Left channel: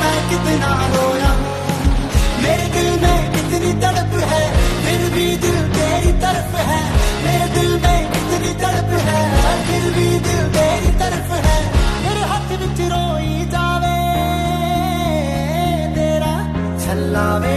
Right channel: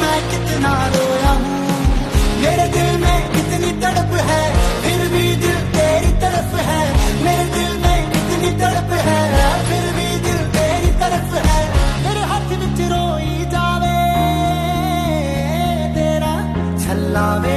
मैं कितना रोया हूँ, मेरे दिल में इतनी तड़प है, फिर भी दिल तेरी तरफ है। मेरे दिल में इतनी तड़प है, फिर भी दिल तेरी तरफ है। मेरे हाथ विच रोई जावे तेरा छल्ला वे